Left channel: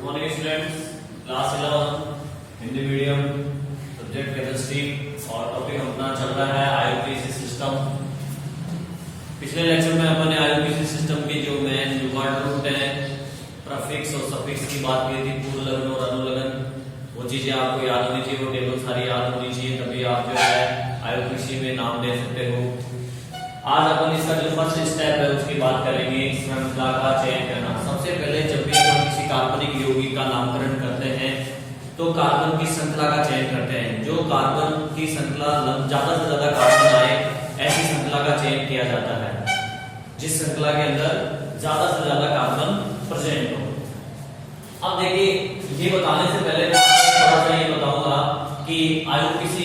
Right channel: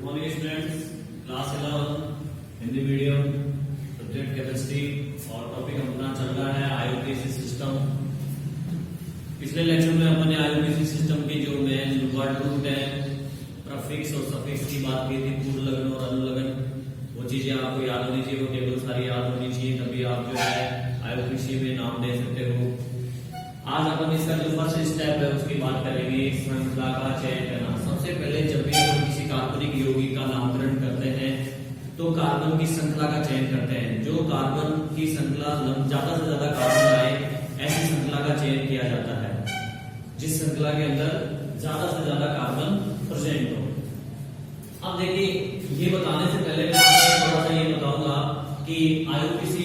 Good morning students, class 11 Hindi medium, subject chemistry और topic अपना चल रहा है आईयूपीएसी सिस्टम। पिछले लेक्चर में अपन ने आईयूपीएसी सिस्टम के जो मेन जो वर्ड रूट है, प्रीफिक्स और सफिक्स की बात की थी, पूर्व लगन और अनुलगन। वो चीजें आपको याद होनी चाहिए, वो टेबल सारी याद होनी चाहिए, तभी आप जो है आईयूपीएसी में नाम दे सकते हो। आज अपन इसका जो फर्स्ट स्टेप है उसकी बात करेंगे, श्रृंखला का चयन करना। सबसे पहले जब भी हम किसी काल्पनिक यौगिक का नामकरण करते हैं तो कार्बन की श्रृंखला का चयन करते हैं। जो कार्बन की श्रृंखला ज्यादा से ज्यादा कार्बन आए, ऐसी श्रृंखला का चयन किया जाता है, जिस श्रृंखला के अंदर ज्यादा से ज्यादा कार्बन प्रेजेंट हो। अब देखिए, ये बताने से पहले मैं थोड़ा सा ये बताऊंगा कि आईयूपीएसी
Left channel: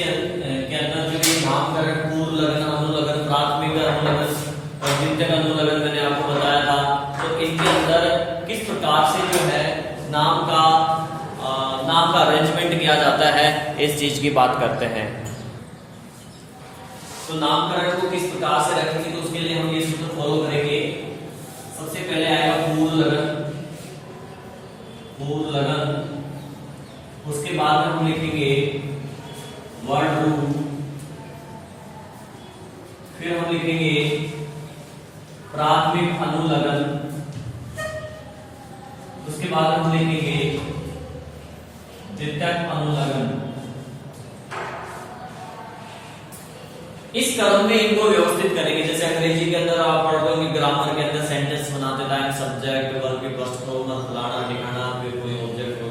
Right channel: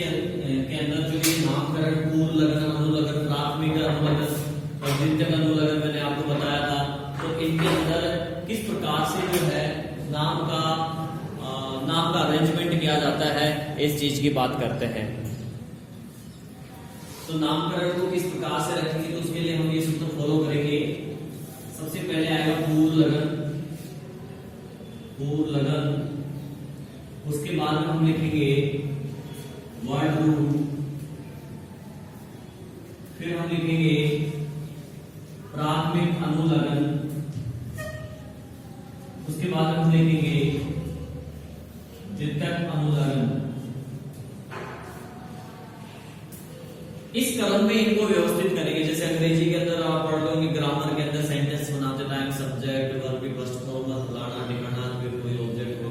के अंदर जो ये नामकरण पूर्व लगन, अनुलगन, प्राथमिक अनुलगन और द्वितीयक अनुलगन मैंने आपको बताया था, तो इनके अंदर किस प्रकार से जो है नाम का अरेंजमेंट किया जाता है, इस चीज की बात करते हैं। तो नामकरण को किस प्रकार से रखेंगे, तो उसके लिए हम ये सूत्र फॉलो करेंगे। सबसे पहले आएगा पूर्व लगन, पूर्व लगन, उसके बाद में हम लिखेंगे वर्ड रूट, फिर हम लिखेंगे प्राथमिक अनुलगन, उसके बाद हम लिखेंगे द्वितीयक अनुलगन। इस क्रम में इनको व्यवस्थित करेंगे। जैसे अंग्रेजी के अंदर आप पढ़ते होंगे, ग्रामर के अंदर सेंटेंस बनाते time subject, verb, first form, फलाना ठिकाना, फिर कोई ऑब्जेक्ट हो,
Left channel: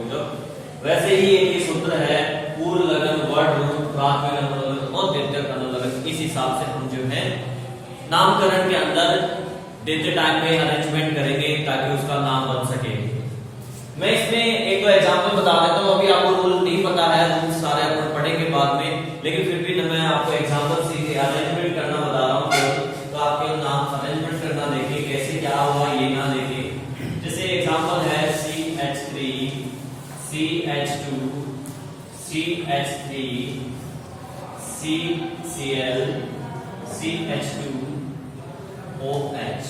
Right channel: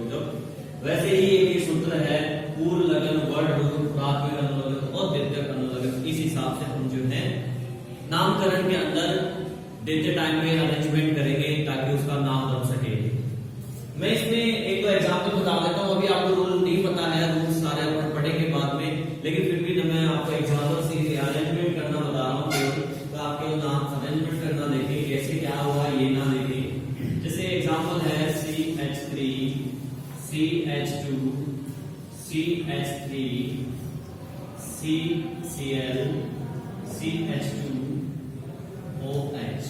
वैसे ही एक सूत्र है पूर्व लगन, वर्ड रूट, प्राथमिक अनुलगन और द्वितीयक अनुलगन। इस हिसाब से हम जो है नामकरण के अंदर देते टाइम में अरेंजमेंट करेंगे ताकि उसका नाम बन सके। मैं इसमें एक दो एग्जांपल बता देता हूँ। अभी आपको रूल नहीं पता है, रूल सारे अपन पढ़ेंगे बाद में, लेकिन फिर भी मैं आपको एग्जांपल से अरेंजमेंट करना बता रहा हूँ, तो आपके नाम अरेंजमेंट करना देखिए कैसे क्या हुआ, ये ना देखिए। जैसे एग्जांपल है CH3, CH2, CH3, CCl, CH2, OH।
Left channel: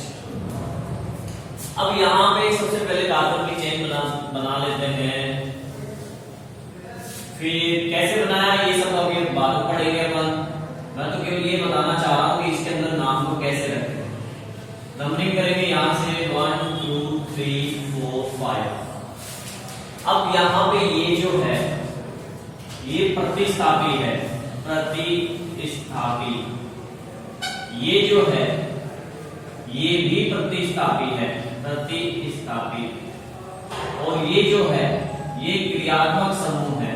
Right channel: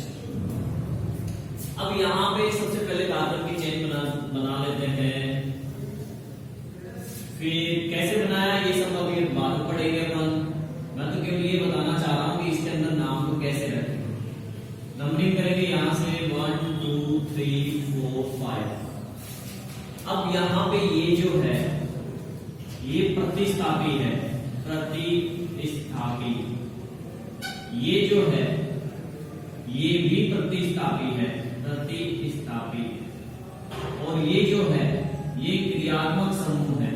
अब यहां पे सबसे पहले कार्बन की चेन बना लेते हैं। फिर कैसे बनाया ये सब अभी बाद में पढ़ेंगे अपन। मैं तो केवल ये बताना चाह रहा हूं कि इसके अंदर नाम को कैसे रखें। नंबरिंग करेंगे यहां से 1 2 3 4 5। अब यहां पे ये जो है ये प्रतिस्थापी है, प्रतिस्थापी। ये जो है ये भी प्रतिस्थापी है, प्रतिस्थापी। और ये जो है ये क्रियात्मक समूह है,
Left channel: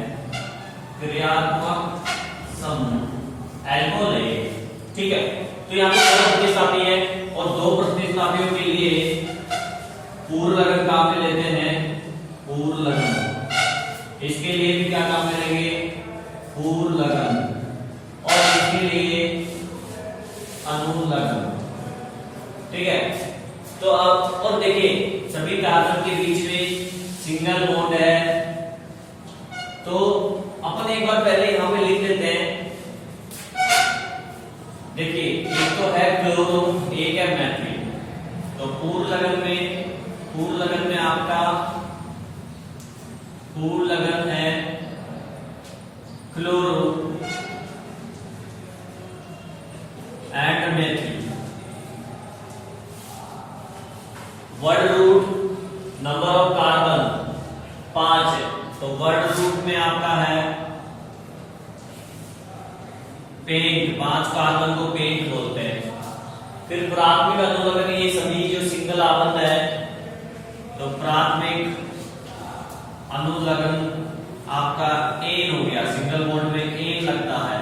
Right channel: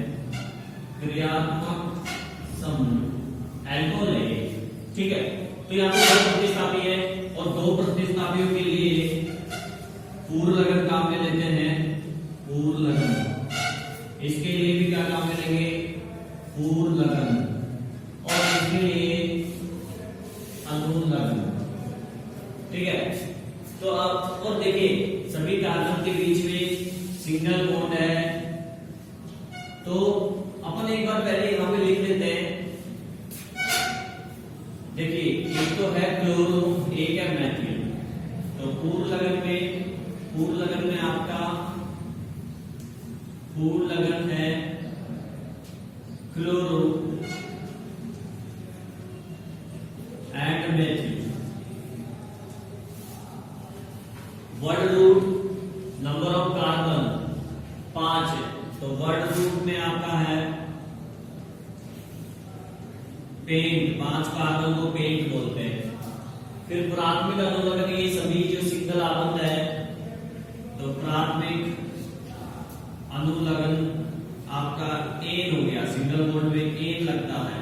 क्रियात्मक समूह, एल्कोहल है, ठीक है। तो यहाँ पे दो प्रतिस्थापी है और दो प्रतिस्थापियों के लिए पूर्व लगन काम में लेते हैं, पूर्व लगन। इसके लिए भी क्या काम में लेंगे, पूर्व लगन, और इसके लिए अनुलगन, ठीक है। तो अब और देखिए सभी कार्बन के बीच में सिंगल बॉन्ड है, तो अपन एक बार पहले यहां पे लिख देते हैं। देखिए एक तो है क्लोरो, एक है मैथिल। तो पूर्व लगन में आपका पूर्व लगन है chloro and methyl. Word root number of carbon 5 है, तो वर्ड रूट में आपका है पेंट, 5 कार्बन को पेंट बोलते हैं। फिर प्राथमिक अनुलगन, ये सभी जो सिंगल आबंध है, तो प्राथमिक अनुलगन आपका एन हो गया, सिंगल बॉन्ड में एन लगता है।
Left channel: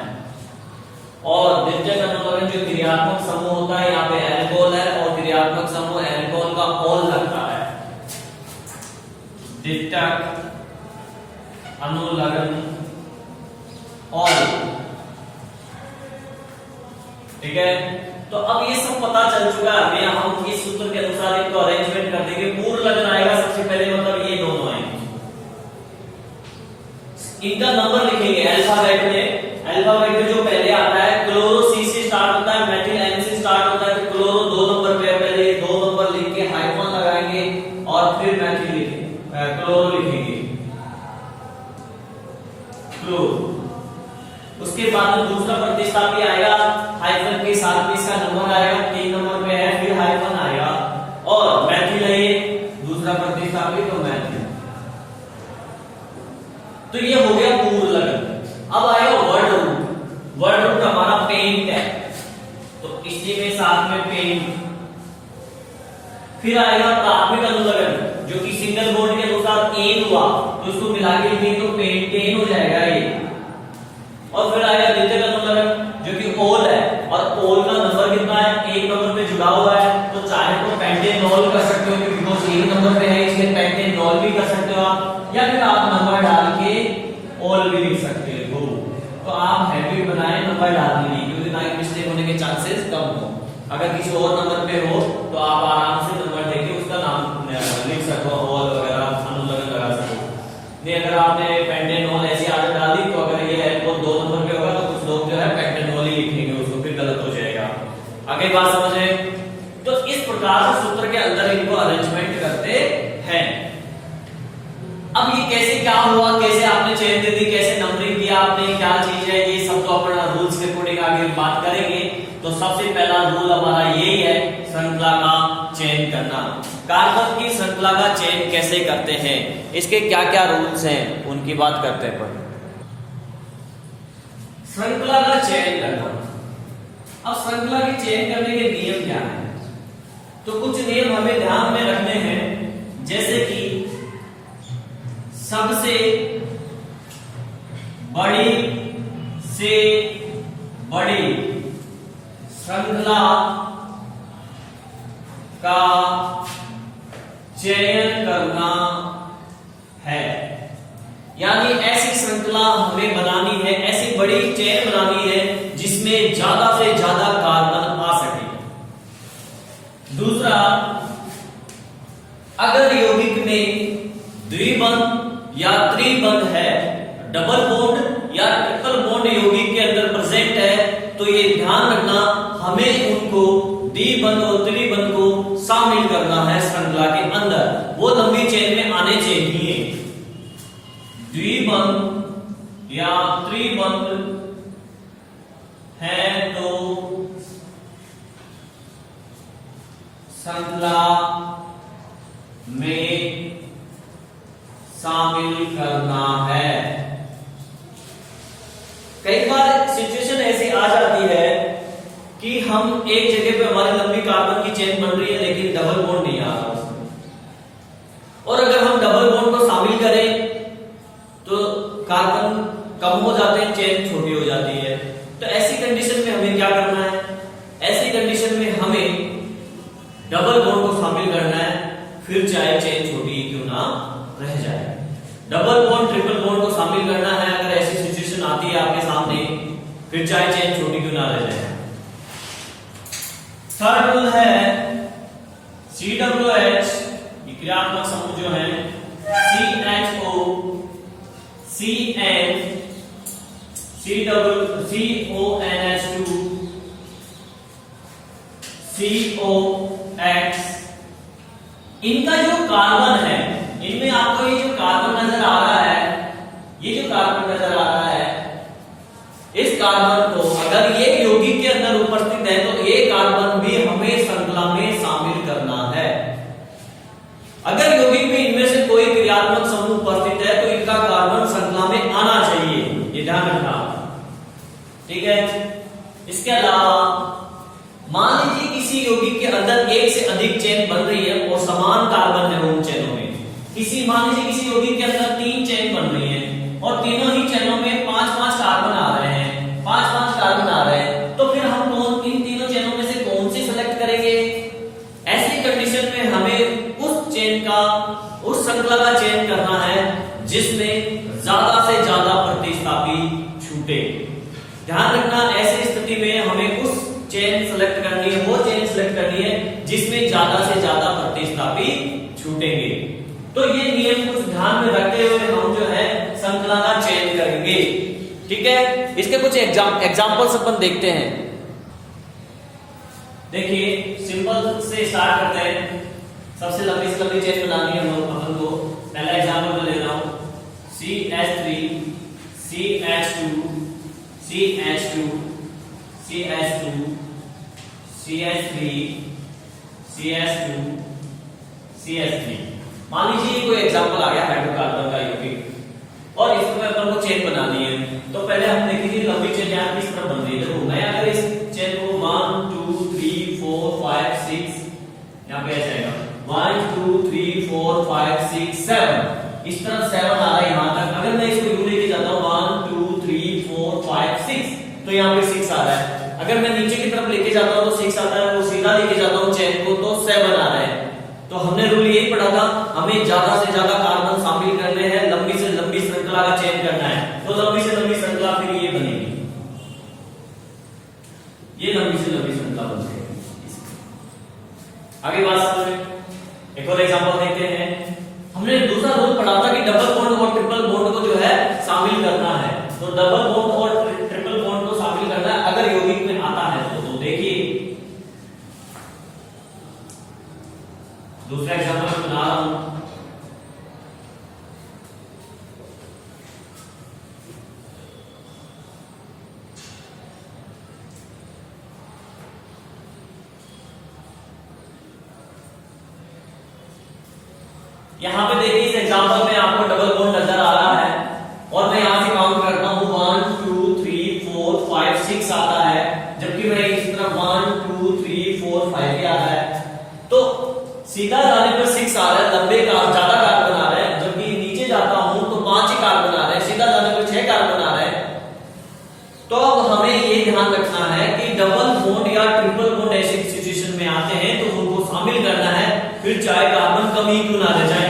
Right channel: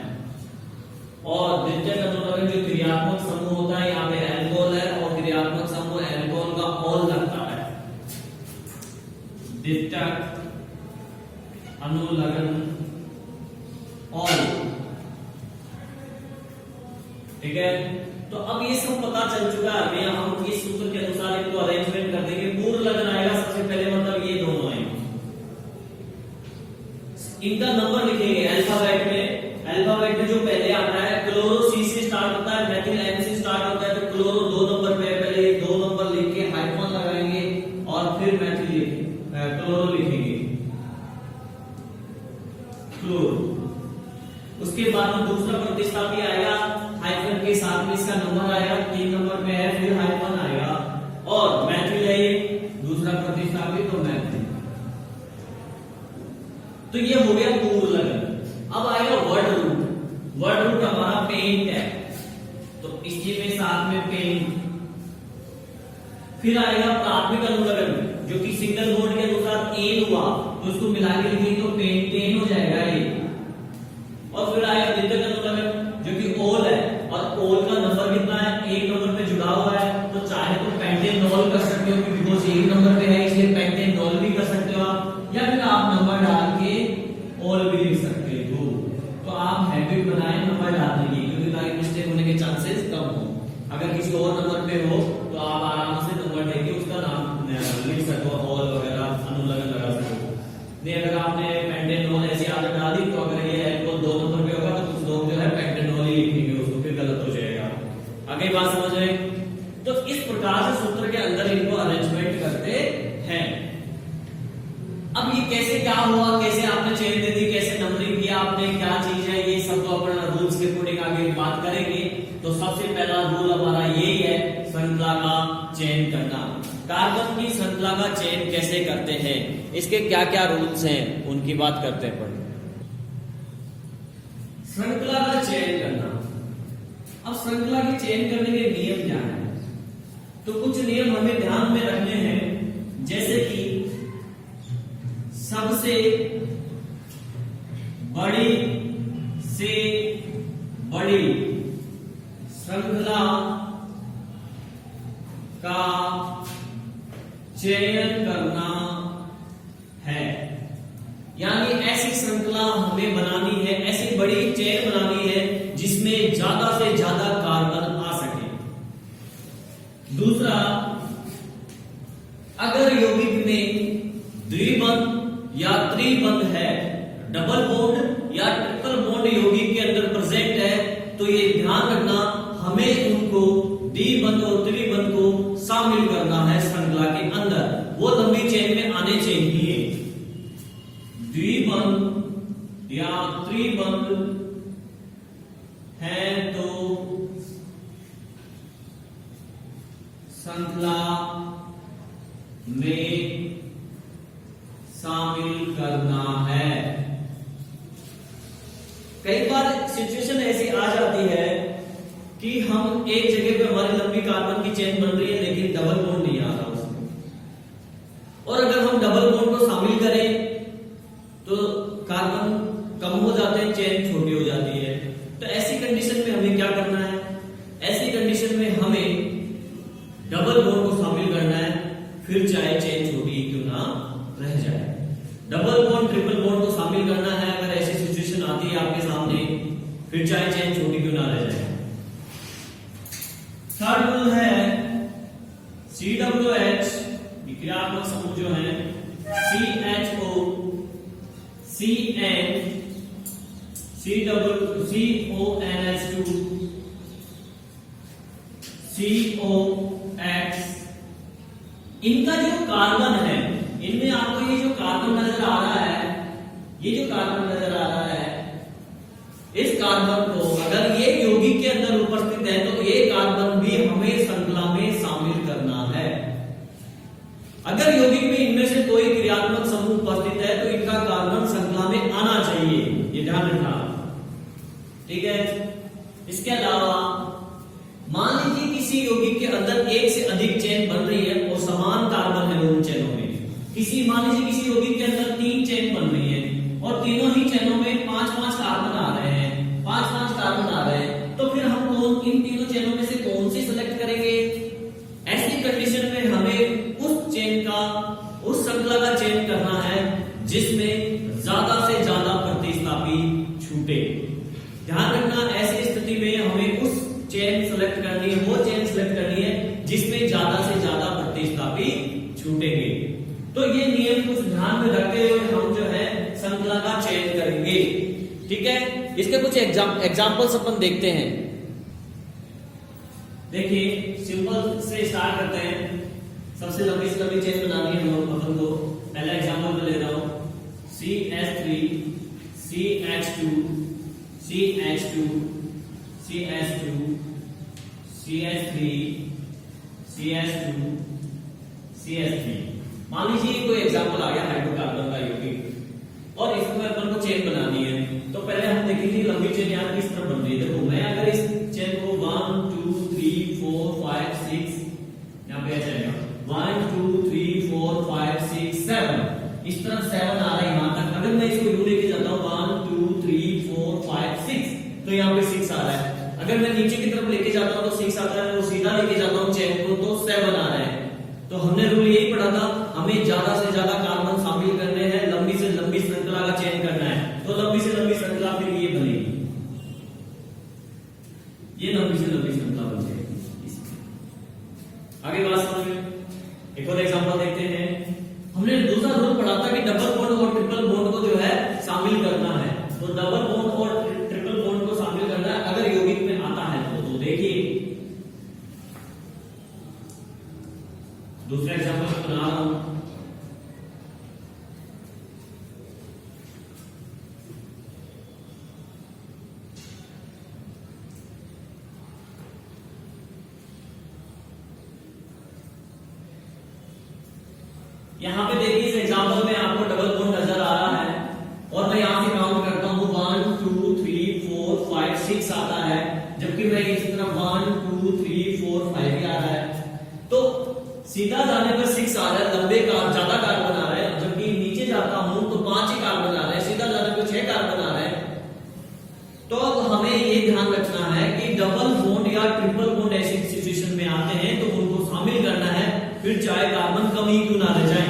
और द्वितीयक अनुलगन जो क्रियात्मक समूह होता है, यहाँ पे एल्कोहल है और क्रियात्मक समूह एल्कोहल का ऑल लगता है। द्वितीयक अनुलगन ऑल, ठीक है। तो अब ये सब पता चल चुका है हमें। हम इस सूत्र के अनुसार इनको अरेंजमेंट कर देंगे। पूर्व लगन आएगा सबसे पहले, मतलब ये दोनों आएंगे। इनका नंबर लिखेंगे अल्फाबेट में। अल्फाबेट में जो पहले आता है क्लोरो सी से स्टार्ट होता है, मेथिल एन से स्टार्ट होता है, तो क्लोरो 2 नंबर पे, पहले 2 नंबर लिख के हाइफन लगाएंगे और फिर मैथिल लिखेंगे। क्लोरो लिखेंगे, क्लोरो। उसके बाद में दूसरा प्रतिस्थापी आएगा, हाइफन के साथ में इसका नंबर आएगा, 3 नंबर पे है, फिर हाइफन आएगा, और मैथिल है ये दूसरा प्रतिस्थापी, तो मैथिल। तो ये हो गया पूर्व लगन। अब आएगा वर्ड रूट। वर्ड रूट हमारा पेंट है, तो इसी में साथ में पेंट। फिर आएगा प्राथमिक अनुलग्न, जो कि सिंगल बॉन्ड के अनुसार एन हुआ, तो इसको मिला के लिखेंगे तो पेंटेन हो जाएगा ये। और फिर आएगा द्वितीयक अनुलग्न, जो कि ओल है, और ओल का नंबर कितना है, 1 नंबर पे जुड़ा हुआ है, तो चाहे तो पेंटेनॉल कर सकते हो, क्योंकि बिकॉज 1 नंबर पे है इसलिए पेंटेनॉल भी कर सकते हो आप, या फिर आप नंबर डाल के ओल भी लिख सकते हो। तो आप हैबिट बनाएं नंबर डालने की, क्योंकि ताकि मिस्टेक होने के चांसेस कम हो। अगर किसी और नंबर पे हो तो आप आराम से नंबर देके उसका नाम लिख सको, ओल वगैरह अनुलग्न लगा सको। नहीं, अगर आपने पेंटेनॉल ऐसी आदत डाल दी, तो अगर ये है वो 2 नंबर पे होगा, तो कुछ लोग जो है पेंटेनॉल ही लिखेंगे उसको, फिर गलत हो जाएगा। आगे बात समझे? तो इस प्रकार से सूत्र के अंदर इनको अरेंजमेंट करते हैं। अब ये कैसे क्या हुआ, कैसे आपने चेन दे दी, कैसे नंबरिंग किया आपने, क्या चीज है, ये सब तो अपना रूल्स के अकॉर्डिंग आगे बात करेंगे। तो सबसे पहला रूल हमारा यही है, श्रृंखला का चयन करना। कार्बन की श्रृंखला का चयन कैसे करते हैं, इसके क्या क्या रूल्स हैं, उनकी बात करते हैं। श्रृंखला का चयन करना। अब श्रृंखला के चयन करने के नियम क्या हैं? तो कुछ नियम हमें ध्यान में रखने हैं, जैसे कि सबसे बड़ी से बड़ी श्रृंखला का चयन करना है, यानी ऐसी श्रृंखला हमें बनानी है, ऐसी बड़ी चेन बनानी है जिसमें ज्यादा से ज्यादा कार्बन आ सके। दूसरा, अगर यौगिक में द्विबंध या त्रिबंध है, डबल बॉन्ड या ट्रिपल बॉन्ड यौगिक के अंदर प्रेजेंट है, तो ये ध्यान रखना हमें उनको द्विबंध और त्रिबंध को शामिल करना है श्रृंखला के अंदर, वो लंबी चेन में आने चाहिए। द्विबंध या त्रिबंध है तो श्रृंखला में शामिल करना है। कई बार सिचुएशन ऐसी आ जाती है कि हम एक जगह पे हमारी लंबी कार्बन की चेन बन रही है, लेकिन डबल बॉन्ड नहीं आ रहा उसमें, और अगर हम डबल बॉन्ड को शामिल करें तो कार्बन कम हो जाते हैं, चेन छोटी हो जाती है। तो ऐसी कंडीशन में हमें क्या करना है? ऐसी कंडीशन में हमें डबल बॉन्ड को शामिल करना है, फिर चाहे चेन छोटी क्यों ना रह जाए। डबल बॉन्ड ट्रिपल बॉन्ड को शामिल करना है अगर ऐसी सिचुएशन आती है आपके सामने, फिर चाहे चेन छोटी क्यों ना रह जाए। थर्ड रूल है COOH, क्रियात्मक समूह जो है CHO, CN, CONH2, COX, इनका जो कार्बन है, इनमें आपको ये जो कार्बन नजर आ रहा है, ये जो कार्बन नजर आ रहा है, इस कार्बन को अगर ये यौगिक के अंदर उपस्थित है तो ये कार्बन भी हमें श्रृंखला में शामिल करना है। अगर यौगिक में इनमें से कोई क्रियात्मक समूह उपस्थित है तो इनका कार्बन श्रृंखला में आना चाहिए, ये ध्यान रखना, ठीक है। इसके अलावा मान लीजिए किसी यौगिक के अंदर एक से अधिक चेन बन रही है और समान कार्बन है उन चेनों में। मान लीजिए किसी यौगिक के अंदर 3 चेन बन रही है और तीनों ही चेनों में 5-5 कार्बन आ रहे हैं, 5-5 कार्बन आ रहे हैं, तो फिर हम इन तीनों चेनों में से कौन सी सेलेक्ट करेंगे? ऐसी कंडीशन में हमें उस चेन का, उस श्रृंखला का चयन करना है जिसमें ज्यादा से ज्यादा प्रतिस्थापी छूटे। ध्यान रखना, ऐसी स्थिति में हमें उस चेन सेलेक्ट करनी है, वो चेन सेलेक्ट करनी है जिसमें ज्यादा से ज्यादा प्रतिस्थापी छूटेंगे। तो ये नियम कुछ ध्यान में रखते हुए हम जो है श्रृंखला का चयन करेंगे, ठीक है। इसके कुछ एग्जांपल्स अपन देखते हैं। देखिए, सिंपल से स्टार्ट करते हैं। सबसे लंबी से लंबी चेन बनानी है हम अपन को। पहला CH2 CH2 CH2 CH3 CH2 CH3। मान लीजिए कोई एग्जांपल आ गया हाइड्रोकार्बन का यौगिक और इसमें अपन को चेन बनानी है। तो पहले हम देखेंगे लंबी चेन यहाँ किस तरह बन रही है। देखो मैं अगर इस चेन को 1 2 3 4 5 6 यहाँ पे ऐसा आएगा 1 2 3 4 5 6 7 इस तरफ 7 आ रहा है यहाँ तक। अगर मैं इसको यूं लेके जाता हूँ 1 2 3 4 5 6 तो यहाँ पे 6 आ रहा है। अगर मैं नीचे की तरफ लेके जाता हूँ तो 6 आता है, वो सीधा लेके जाता हूँ चेन को तो 7 आ रहा है। तो हमने रूल यही पढ़ा था, हमें ज्यादा से ज्यादा कार्बन शामिल करने हैं, लंबी से लंबी श्रृंखला का चयन करना है। तो लंबी से लंबी श्रृंखला फिर ये बनेगी, ये लंबी से लंबी श्रृंखला बन जाएगी। आगे बात समझ में एक और एग्जांपल देखते हैं। हमने दूसरा रूल पढ़ा था कि डबल बॉन्ड और ट्रिपल बॉन्ड को जो है शामिल करना है। तो डबल बॉन्ड और ट्रिपल बॉन्ड को शामिल करना है अगर यौगिक में आता है तो देखिए दूसरा एग्जांपल मैं बना रहा हूं। यहां पे देखिए इस एग्जांपल में आपको डबल बॉन्ड नजर आ रहा है और मैं यहां से काउंट करता हूं 1 2 3 4 5 6 आता है, जबकि मैं इस तरफ 1 2 3 4 5 भी आ रहा है। तो सीधा जाने पर 6 आ रहा है, लंबे का ज्यादा कार्बन आ रहे हैं, जबकि नीचे जाता हूं तो 5 ही कार्बन आ रहे हैं, सीधा जाने पर 6 कार्बन आ रहे हैं। तो अब हमें ये ध्यान रखना है कि डबल बॉन्ड या ट्रिपल बॉन्ड ऐसी सिचुएशन में आते हैं तो उनको शामिल करना है, फिर चाहे कार्बन कम ही क्यों ना रह जाए।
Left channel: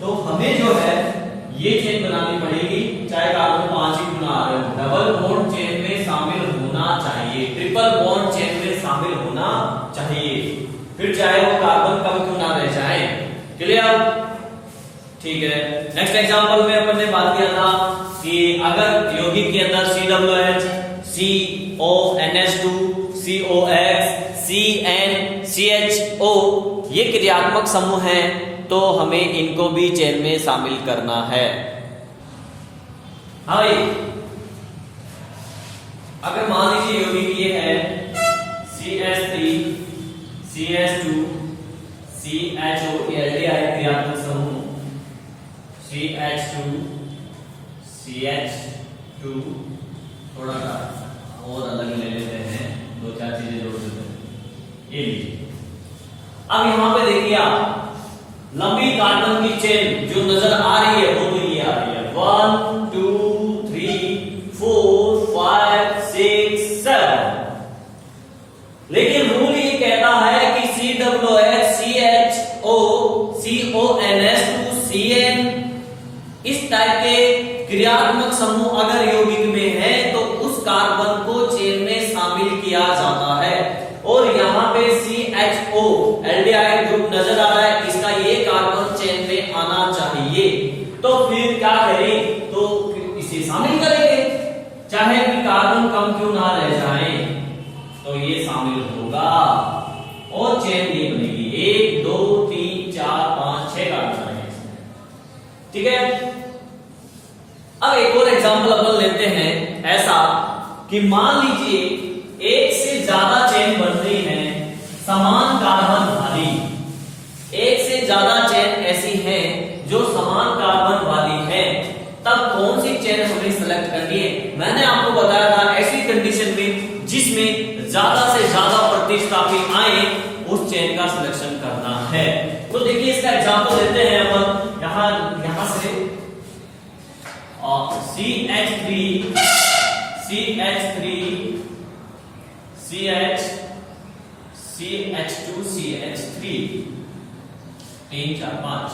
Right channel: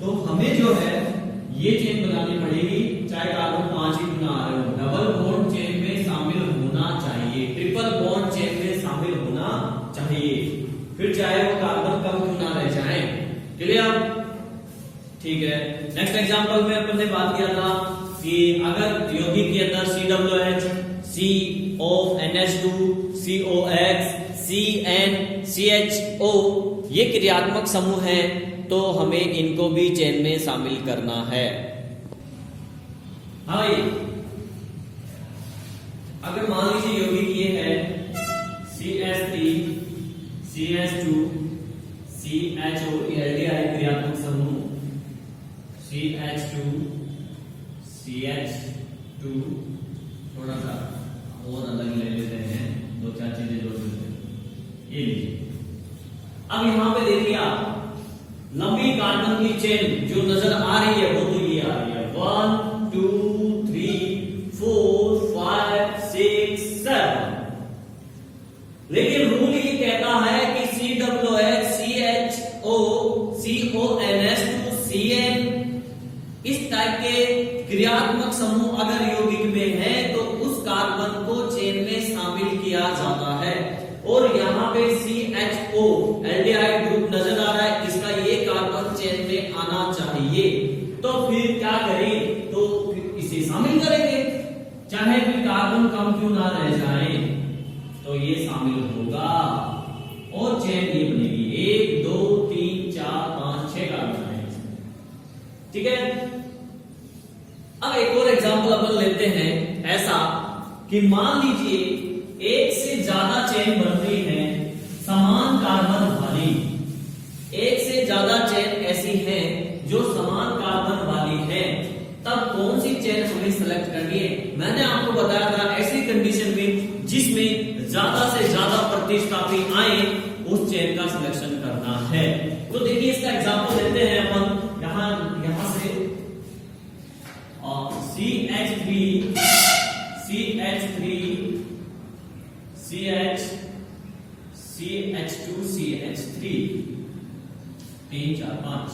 तो हमें जो है ये चेन बनानी पड़ेगी, चाहे कार्बन 5 ही क्यों ना आ रहे हो। डबल बॉन्ड चेन में शामिल होना चाहिए, ट्रिपल बॉन्ड चेन में शामिल होना चाहिए, फिर चाहे वो कार्बन कम क्यों ना रह जाए। क्लियर? ठीक है। नेक्स्ट एग्जांपल में अपन ने बात किया था कि अगर यौगिक के अंदर COOH, CONH2, COX, CnCHO ये क्रियात्मक समूह हैं, तो हमें इनको भी चेन में शामिल करना है। हाँ भाई, अगर मान लीजिए यौगिक ये है CH3 CH2 CHO एल्डिहाइड क्रियात्मक समूह, CH2 CH2 थोड़ा सा और अलग ले लेते हैं, 2-4 चीजें जोड़ देते हैं। ये लीजिए, अब यहां पे देखिए आप लंबी कार्बन की चेन जो नजर आ रही है वो तो ये आ रही है 1 2 3 4 5 6 7। लेकिन रूल ये कहता है कि COOH CHO CONH2 CN इस टाइप के क्रियात्मक समूह अगर यौगिक में है तो उस कार्बन को चेन में शामिल किया जाता है। और यहाँ पे CHO एल्डिहाइड ग्रुप नजर आ रहा है, इसका ये कार्बन चेन में आना चाहिए। तो फिर क्या करें, तो इसे शामिल करेंगे, चाहे कि कार्बन कम क्यों ना रह जाए, तो ये शामिल होगा और चेन ये बनेगी 1 2 3 4 5 6 कार्बन आएंगे। ठीक है। अब एक और एग्जांपल अपन लेते हैं ऐसा कि मान लीजिए एक से ज्यादा चेन बन रही है समान कार्बन वाली, एक से ज्यादा चेन ऐसी है जो समान कार्बन वाली है, तब कौन सी चेन हमें सेलेक्ट करनी है। मैंने आपको बताया था ऐसी कंडीशन में जिसमें ज्यादा से ज्यादा प्रतिस्थापी आए उस चेन का सिलेक्शन करना है। तो देखिए इसका एग्जांपल लेते हैं अपन यहां से CH3 CH2 CH3 3 4 5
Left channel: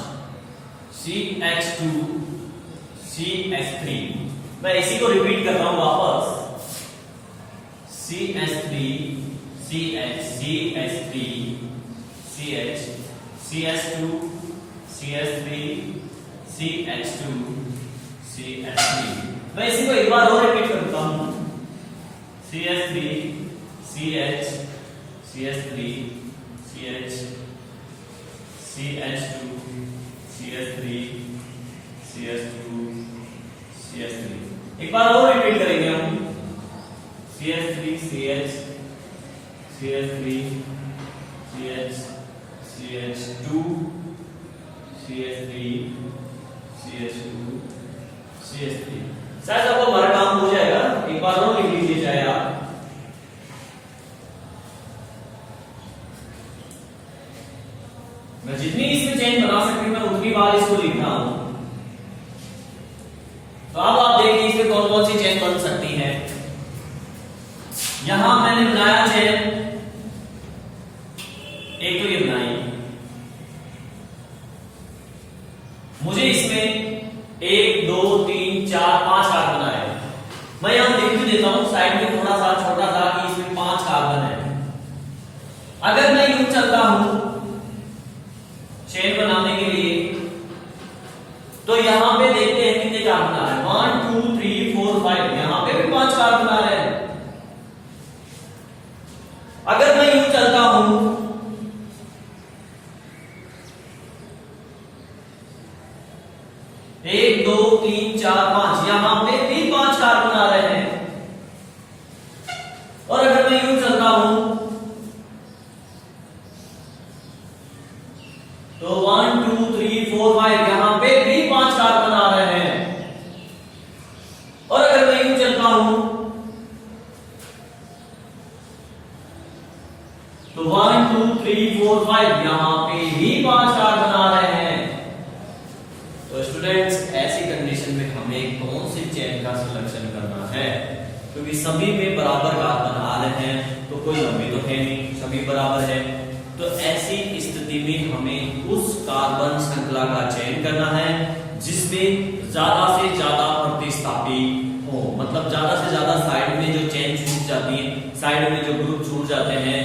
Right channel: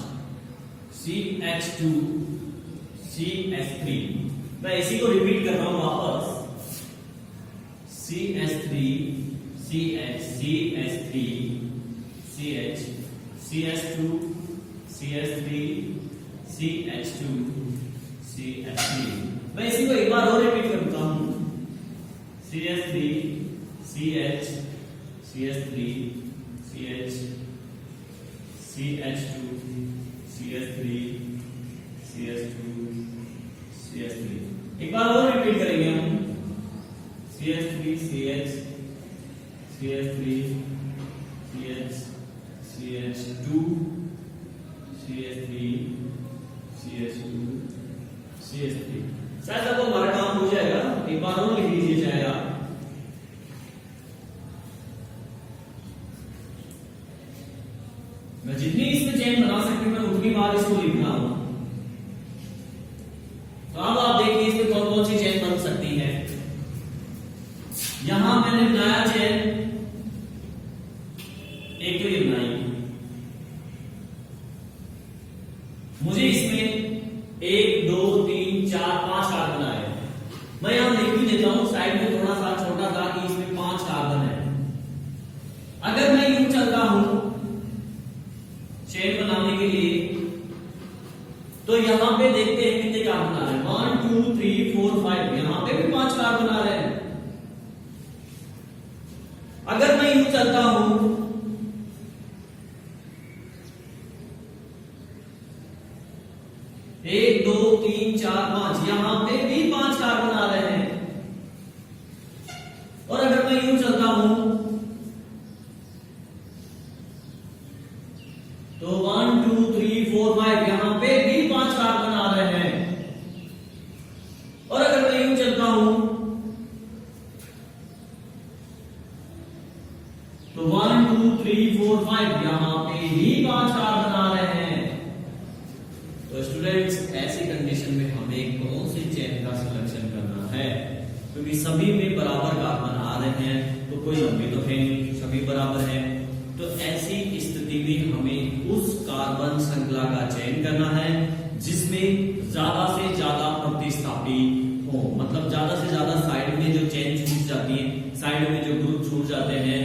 CH2 CH3। मैं इसी को रिपीट कर रहा हूं वापस, CH3 CH3 CH CH2 CH3 CH2 CH3। मैं इसी को एक बार और रिपीट करता हूं, CH3 CH CH3 CH CH2 CH3 CH2 CH3। एक बार और रिपीट करेंगे हम, CH3 CH CH3 CH CH2 CH3 CH2 CH3। शायद आपको हमारा काम हो जाएगा, एक बार और लिख लीजिए चाहे आप। मैं जितनी इसमें चेन बना सकती हूं मैं उतनी बार इसको लिख रहा हूं। तो अब आप देखिए इसमें कौन कौन सी चेन बन सकती है। यहां मैंने बनाया चेन, एक तो ये बनाई, मुझे इसमें 1 2 3 4 5 कार्बन आए। मैं यहां लिख भी देता हूं साइड में थोड़ा सा छोटा सा कि इसमें 5 कार्बन है। अगर मैं यूं चलता हूं चेन बनाने के लिए, तो यहां पे देखते हैं कितने कार्बन आ रहे हैं, 1 2 3 4 5, यहां पे भी 5 कार्बन आ रहे हैं। अगर मैं यूं चलता हूं, एक 2 3 4 5, यहां पे भी 5 कार्बन आ रहे हैं। और अगर मैं यूं चलता हूं तो 1 2 3 4 5, यहां पे भी 5 कार्बन आ रहे हैं। और अगर मैं यूं चलता हूं तो 1 2 3 4 5, यहां पे भी 5 कार्बन आ रहे हैं। तो स्टूडेंट्स ऐसी कंडीशन में हमें कौन सी चेन का सिलेक्शन करना है, क्योंकि सभी में बराबर कार्बन आ रहे हैं, तो कोई लंबी तो है नहीं, सभी बराबर है। तो ऐसी स्थिति में हमें उस कार्बन श्रृंखला का चयन करना है जिसमें ज्यादा से ज्यादा प्रतिस्थापी हो, मतलब ज्यादा से ज्यादा साइड में जो चेन छूट जाती है, साइड में जो ग्रुप छूट जाते हैं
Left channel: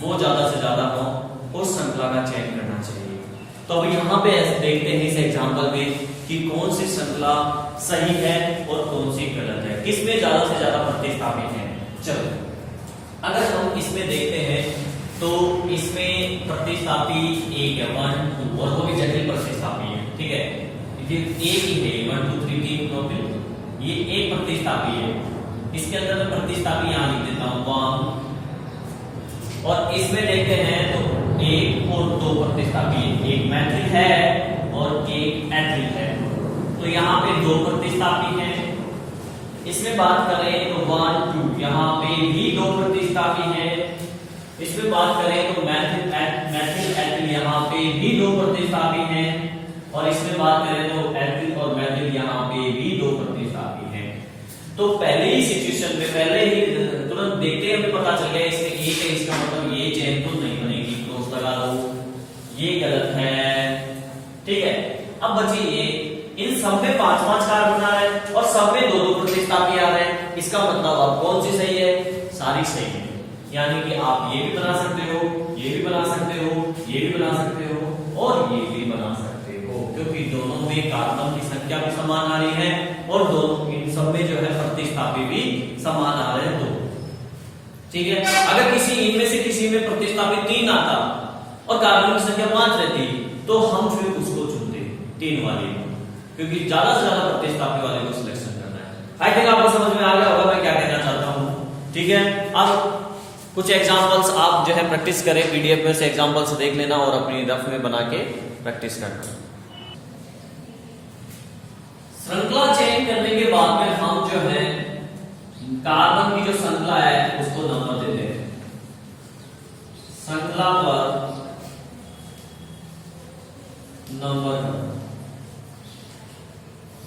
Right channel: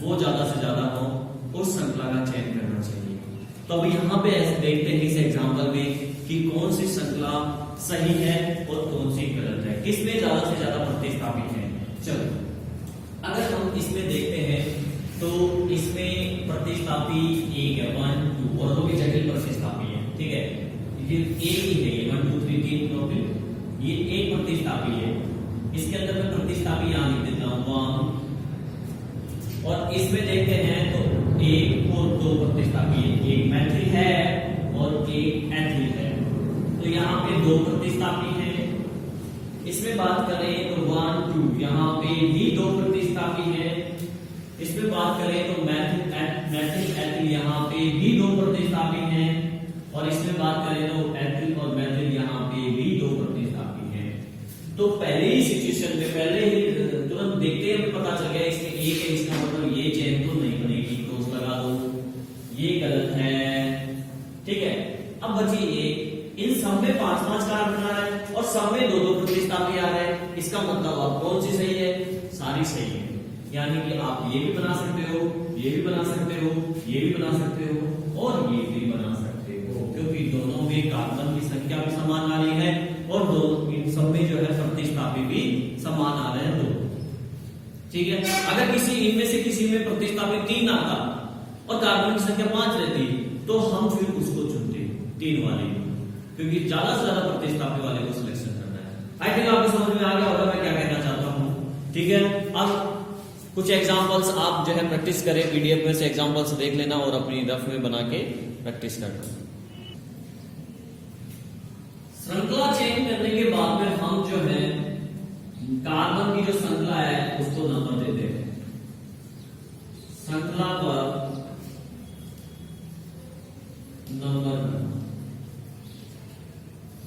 वो ज्यादा से ज्यादा हो, उस श्रृंखला का चयन करना चाहिए। तो अब यहाँ पे देखते हैं इस एग्जाम्पल में कि कौन सी श्रृंखला सही है और कौन सी गलत है, किसमें ज्यादा से ज्यादा प्रतिस्थापी है। चलो अगर हम इसमें देखते हैं तो इसमें प्रतिस्थापी एक है 1 2, और वो भी जटिल प्रतिस्थापी है, ठीक है, ये एक ही है 1 2 3 3 4, ये एक प्रतिस्थापी है। इसके अंदर मैं प्रतिस्थापी यहां लिख देता हूं 1, और इसमें देखते हैं तो 1 और 2 प्रतिस्थापी है, एक मैथिल है और एक एथिल है। तो यहाँ पे 2 प्रतिस्थापी हैं। इसमें बात करें तो 1 2, यहाँ पे भी 2 प्रतिस्थापी हैं। इसमें बात करें तो मैथिल एथिल, यहाँ पे भी 2 प्रतिस्थापी हैं। और इसमें बात करें तो एथिल और मैथिल, यहाँ पे भी 2 प्रतिस्थापी हैं। तो पहले ही सिचुएशन में पहले ही तुरंत देखते हमें पता चल गया इसमें एक है, इसका मतलब ये चेन तो नहीं बनेगी, क्रॉस लगा लो, ये गलत है, ठीक है। अब बची ये, इन सब में 5-5 कार्बन आ रहे हैं और सब में 2-2 प्रतिस्थापी आ रहे हैं। इसका मतलब अब कौन सी सही है, सारी सही है। यानी कि आप ये भी बना सकते हो, ये भी बना सकते हो, ये भी बना सकते हो और ये भी बना सकते हो, क्योंकि दोनों में कार्बन की संख्या भी समान आ रही है और दोनों इन सब में जो है प्रतिस्थापी भी समान आ रहे हैं, दो, ठीक है। अगर किसी इनमें से किसी में प्रतिस्थापी 3 आता और कार्बन की संख्या 5 रहती तो हम फिर उसको चुनते 3 वाले, क्योंकि ज्यादा से ज्यादा प्रतिस्थापी वाले को सिलेक्शन करना है। आई थिंक आपको समझ में आ गया होगा मैं क्या कहना चाहता हूं, ठीक है। अब कुछ एग्जांपल्स आप जो है प्रैक्टिस करें, पीडीएफ में से एग्जांपल्स देख लेना और अपनी रफ में बना के प्रैक्टिस करना। श्रृंखला चयन करने के बाद में हम जो है कार्बन की जो श्रृंखला है उसको नंबर देते हैं। श्रृंखला पर नंबर,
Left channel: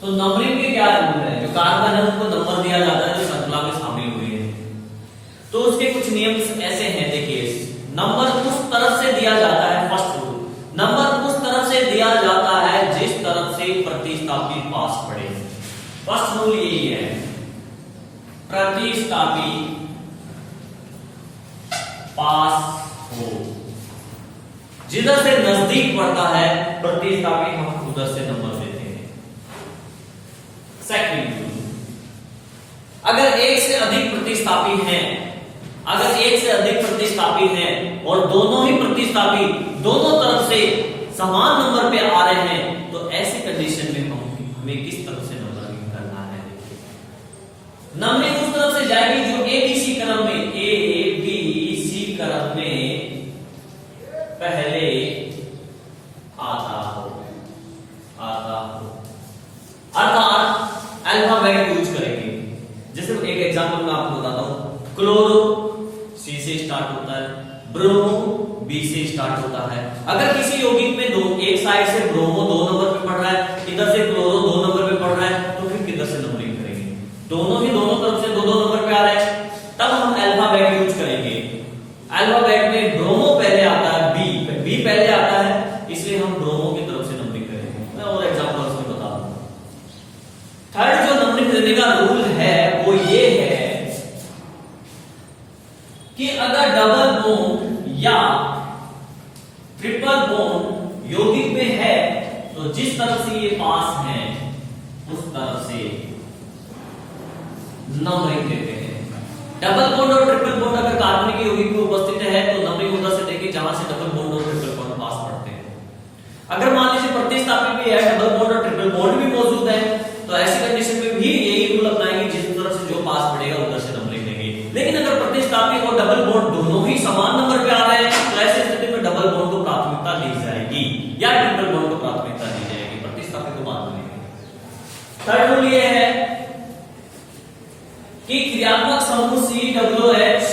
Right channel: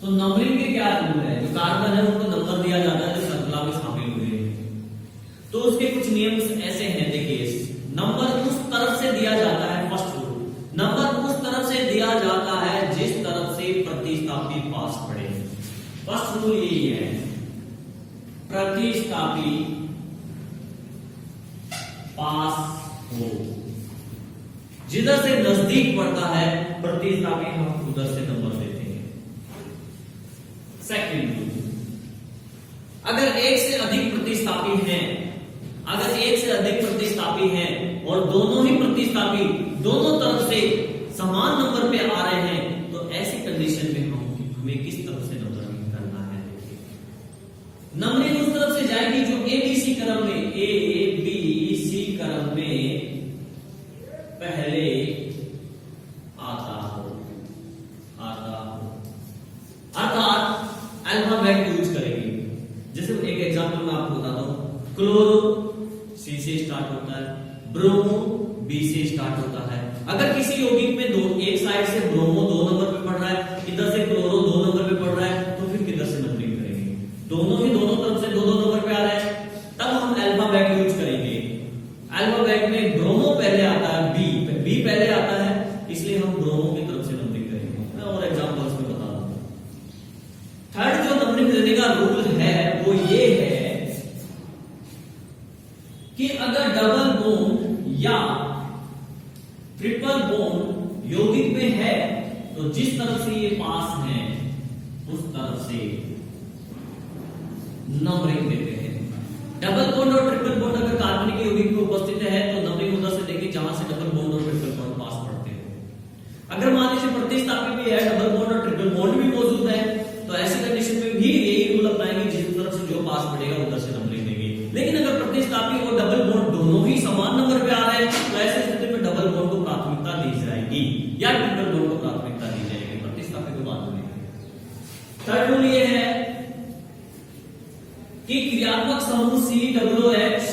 तो नंबरिंग के क्या रूल है, जो कार्बन है उनको नंबर दिया जाता है जो श्रृंखला में शामिल हुई है। तो उसके कुछ नियम ऐसे हैं, देखिए, नंबर उस तरफ से दिया जाता है, फर्स्ट रूल, नंबर उस तरफ से दिया जाता है जिस तरफ से प्रतिस्थापी पास पड़े। फर्स्ट रूल यही है, प्रतिस्थापी पास हो, जिधर से नजदीक पड़ता है प्रतिस्थापी हम उधर से नंबर देते हैं। सेकंड रूल, अगर एक से अधिक प्रतिस्थापी हैं, अगर एक से अधिक प्रतिस्थापी हैं और दोनों ही प्रतिस्थापी दोनों तरफ से समान नंबर पे आ रहे हैं, तो ऐसी कंडीशन में हमें किस तरफ से नंबरिंग करना है। देखिए जाएगी जो ए बी सी क्रम में, ए बी सी क्रम में पहले आता हो अर्थात अल्फाबेट यूज करेंगे। जैसे एक एग्जांपल मैं आपको बताता हूं, क्लोरो सी से स्टार्ट होता है, ब्रोमो बी से स्टार्ट होता है। अगर किसी यौगिक में दो, एक साइड से ब्रोमो 2 नंबर पे पढ़ रहा है, इधर से क्लोरो 2 नंबर पे पढ़ रहा है, तो फिर किधर से नंबरिंग करेंगे? दोनों ही दोनों तरफ से 2-2 नंबर पे आ रहे हैं, तब हम अल्फाबेट यूज करेंगे। अल्फाबेट में ब्रोमो पहले आता है, बी पहले आता है, इसलिए हम ब्रोमो की तरफ से नंबरिंग करेंगे। मैं और एग्जांपल्स में बता दूंगा। थर्ड जो नंबरिंग देने का रूल है वो ये है कि अगर डबल बॉन्ड या ट्रिपल बॉन्ड यौगिक में है तो जिस तरफ से ये पास है उस तरफ से नंबरिंग देते हैं। डबल बॉन्ड और ट्रिपल बॉन्ड अगर कार्बनिक यौगिक में उपस्थित है तो नंबरिंग उधर से देंगे जहां से डबल बॉन्ड और ट्रिपल बॉन्ड पास पड़ते हैं। अगर मान लीजिए प्रतिस्थापी भी है, डबल बॉन्ड और ट्रिपल बॉन्ड भी मौजूद है, तो ऐसी कंडीशन में भी यही रूल अपनाएंगे, जिस तरफ से जो पास पड़ेगा उधर से नंबरिंग देंगे। लेकिन अगर प्रतिस्थापी और डबल बॉन्ड दोनों ही समान नंबर पे आ रहे हैं तो ऐसी स्थिति में डबल बॉन्ड को प्राथमिकता दी जाएगी या ट्रिपल बॉन्ड को प्राथमिकता दी जाएगी, प्रतिस्थापी को बाद में लेंगे। थर्ड रूल ये है कि क्रियात्मक समूह COOH,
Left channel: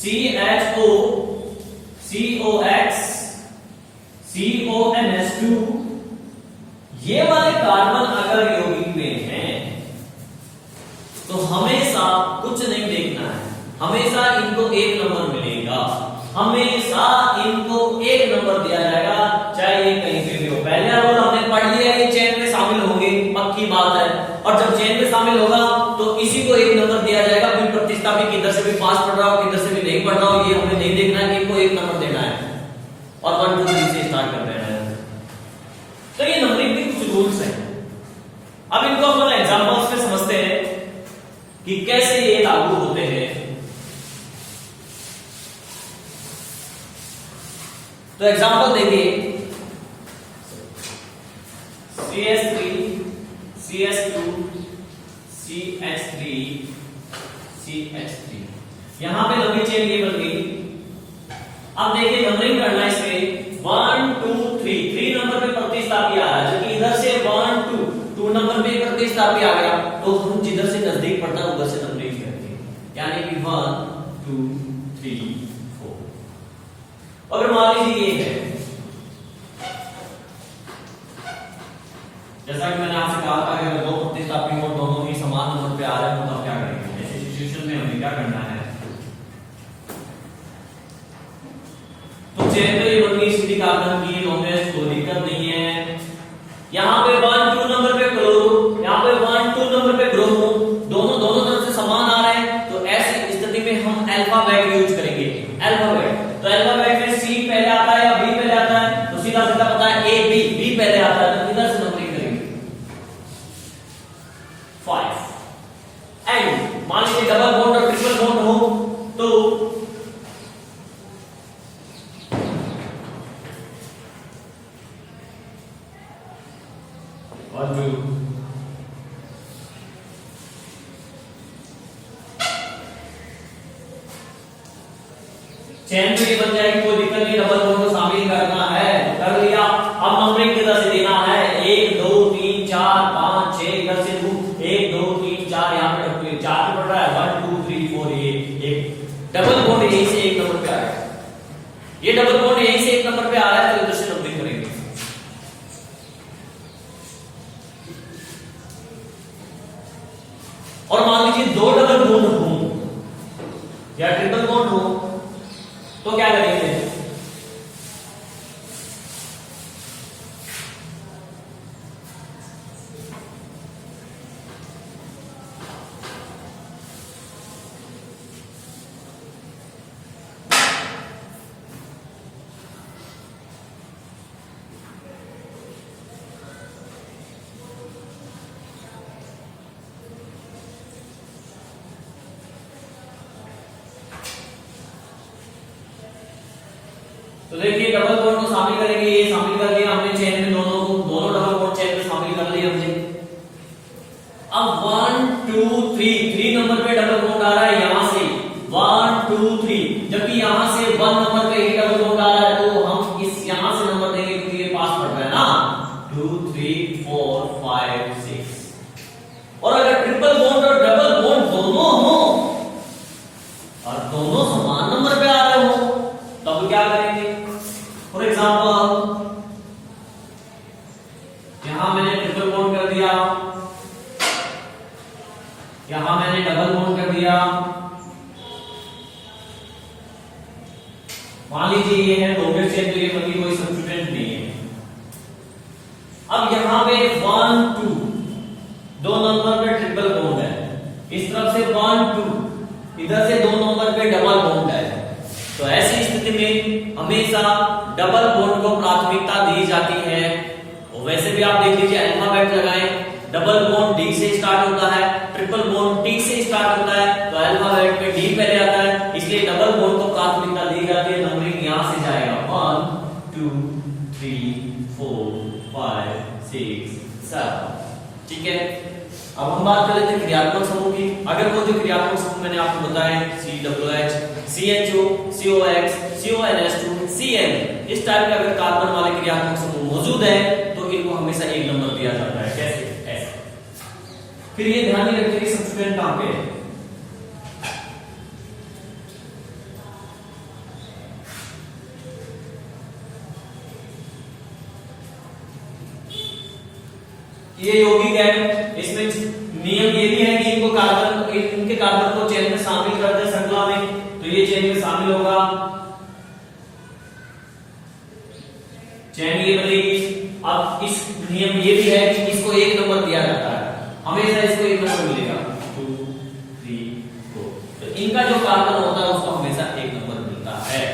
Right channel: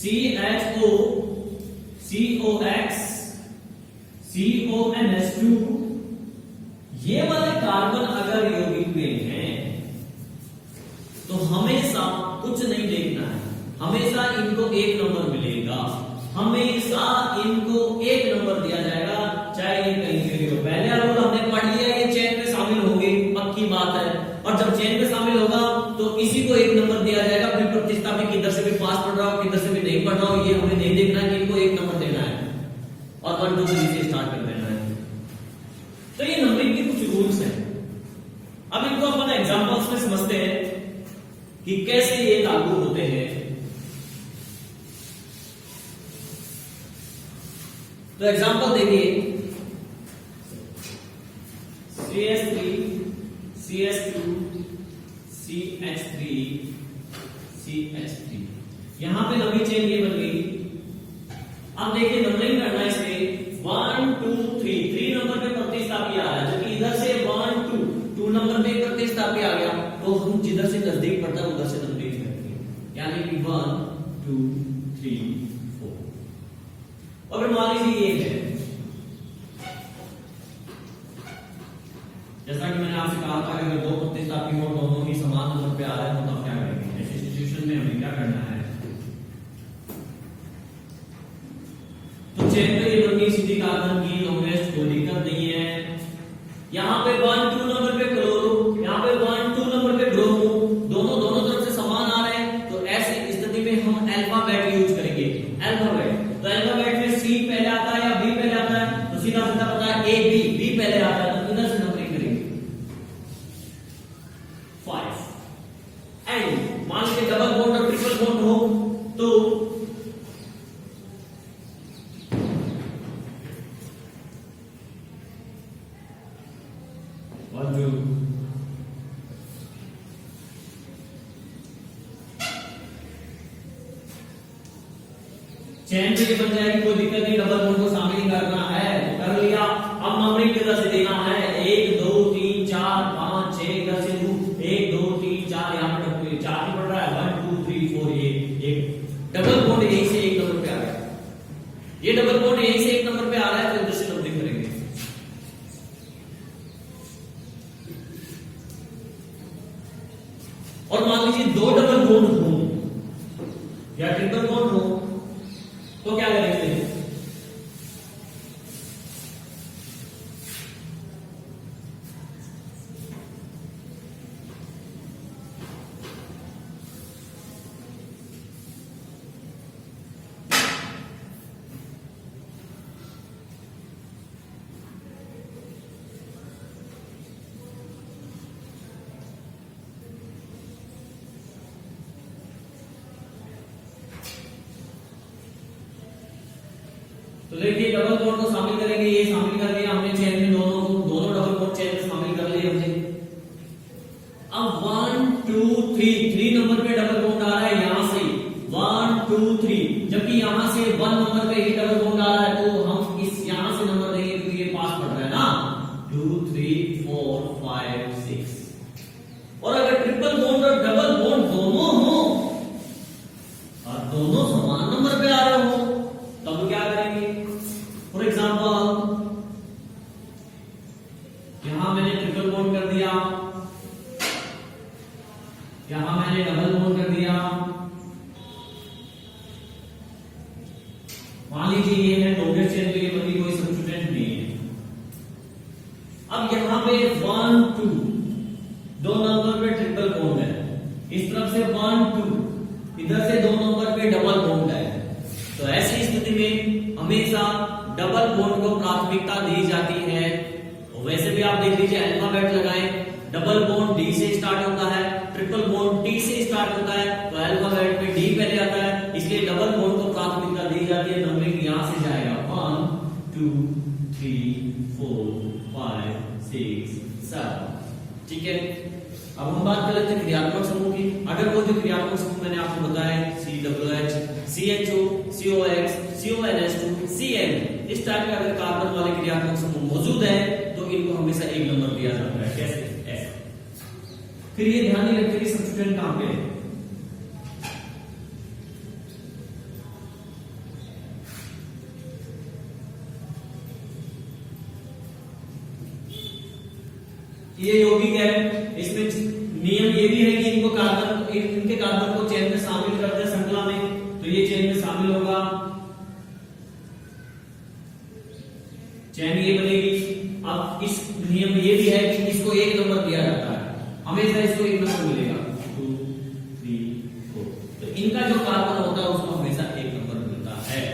CHO, COX, CONH2 ये वाले कार्बन अगर यौगिक में हैं तो हमेशा कुछ नहीं देखना है, हमेशा इनको 1 नंबर मिलेगा, हमेशा इनको 1 नंबर दिया जाएगा, चाहे ये कहीं पे भी हो। पहले रूल हमने पढ़ लिया, ये चेन में शामिल होंगे, पक्की बात है। और जब चेन में शामिल होगा तो इसी को 1 नंबर दिया जाएगा, फिर प्रतिस्थापी किधर से भी पास पढ़ रहा हो किधर से भी नहीं पढ़ रहा हो, ये हमें नहीं देखना है कि इनको 1 नंबर देना है और 1 2 3 से स्टार्ट कर देना है। तो ये नंबरिंग के कुछ रूल्स हैं। अब इनको अपन एग्जांपल्स में समझते हैं कि कैसे ये लागू होते हैं। तो एग्जांपल देखिए, CH3 CH2 CH3 CH3 यहां पे लंबी चेन ये बन गई। अब देखिए नंबरिंग करना है इसमें 1 2 3 नंबर पे प्रतिस्थापी आ रहा है, जबकि इधर से 1 2 नंबर पे प्रतिस्थापी आ गया, तो हम जिधर से नजदीक पड़ता है उधर से नंबरिंग करते हैं, यानी कि 1 2 3 4। अगर मान लीजिए ये है, जैसा कि मैंने आपसे कहा था कि अगर 2 प्रतिस्थापी और दोनों ही समान नंबर पे आ रहे हैं तो तब क्या करेंगे? ऐसी सिचुएशन में हमें क्या करना है? तो चेन में ये बन गई स्थिति कार्बन की, लॉन्गेस्ट, कोई दिक्कत नहीं है। यहाँ पे 1 2 नंबर पे क्लोरो, यहाँ पे 1 2 नंबर पे ब्रोमो, दोनों तरफ से समान आ रहे हैं, तो ऐसी स्थिति में हम अल्फाबेट यूज करेंगे। अल्फाबेट, तो अल्फाबेट में सी पहले आता है या बी पहले आता है, तो सीधा सीधा पता है ए बी पहले आता है, तो इधर से नंबरिंग करेंगे 5। एंड मान लीजिए डबल बॉन्ड और ट्रिपल बॉन्ड हो तो 1 2 चेन में ये बन जाएगी, कोई दिक्कत नहीं। डबल बॉन्ड को शामिल करना है तो कर लिया। अब नंबरिंग किधर से देना है? 1 2 3 4 5 6 इधर से 1 2 3 4 यहाँ पे 4 पे पड़ रहा है, 1 2 3 4 ये एक डबल बॉन्ड यहीं से 1 नंबर पे आ गया, ये डबल बॉन्ड यहीं से 1 नंबर पे आ रहा है, तो इधर से नंबरिंग करेंगे। और मान लीजिए 2 डबल बॉन्ड हो या ट्रिपल बॉन्ड हो तो क्या करेंगे? तो देखिए डबल बॉन्ड को शामिल करेंगे, ये शामिल कर लिया हमने चेन में, दोनों डबल बॉन्ड चेन में शामिल कर लिए हमने। अब 1 2 2 3 नंबर पे डबल बॉन्ड आ रहा है यहां से 1 2 3, जबकि यहां से 1 नंबर पे ही डबल बॉन्ड आ रहा है, तो हम इस यहां से नंबर देंगे क्योंकि ये पास पड़ रहा है ना 2 3 4 5 6। और अगर ट्रिपल बॉन्ड और डबल बॉन्ड दोनों हो और दोनों समान नंबर पे आ रहे हो तब क्या करेंगे? फॉर एग्जांपल यहां मैंने ट्रिपल बॉन्ड कर दिया, यहां मैंने डबल बॉन्ड कर दिया, मान लीजिए ये है लॉन्गेस्ट चेन, तो ये कभी कोई सब्स्टिट्यूएंट नहीं है। अब यहां पे 1 2 दो नंबर पे ट्रिपल बॉन्ड है, इस तरफ से 1 2, इधर से दो नंबर पे डबल बॉन्ड है, तो ऐसी स्थिति में हमेशा डबल बॉन्ड को प्राथमिकता दी जाती है। और वैसे भी आप देख लीजिए अल्फाबेट लगाएं, डबल बॉन्ड डी से स्टार्ट होता है, ट्रिपल बॉन्ड टी से स्टार्ट होता है, तो अल्फाबेट पे डी पहले आता है, इसलिए डबल बॉन्ड को प्राथमिकता दी जाती है। नंबरिंग यहां से जाएगा 1 2 3 4 5 6 7, ठीक है। अब हम बात कर लेते हैं क्रियात्मक समूह की। अगर वो जो क्रियात्मक समूह मैंने आपको बताया COOH, CHO, COX, CONS2, CN, इस टाइप के अगर कार्बन वाले क्रियात्मक समूह मौजूद है तो इनको हमेशा एक नंबर दिया जाता है। कैसे? ऐसे। फिर ये ध्यान नहीं रखते कि सब्स्टिट्यूएंट कहां पे है। ये यौगिक है, इसमें नियम ये भी है कि इनको कार्बन, इनके कार्बन को चेन में शामिल कर दे श्रृंखला में, तो ये चेन में शामिल होगा, चेन ये बनेगी। अब इस नियम ये भी है कि इसको एक नंबर दिया जाता है, हमेशा इसको एक नंबर मिलेगा 2 3 4, तो इनका जो कार्बन होता है उसको हमेशा एक नंबर मिलता है।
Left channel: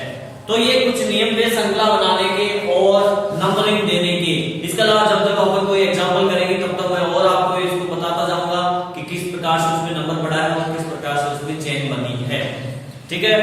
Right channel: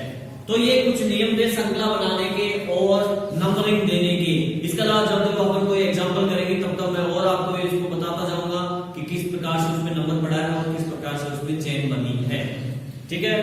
तो ये कुछ नियम थे श्रृंखला बनाने के और नंबरिंग देने के। इसके अलावा जब तक अपन कोई एग्जांपल करेंगे तब तक मैं और आपको इसको बताता जाऊंगा कि किस प्रकार से उसमें नंबर बढ़ा है और किस प्रकार से उसमें चेन बनी है, ठीक है।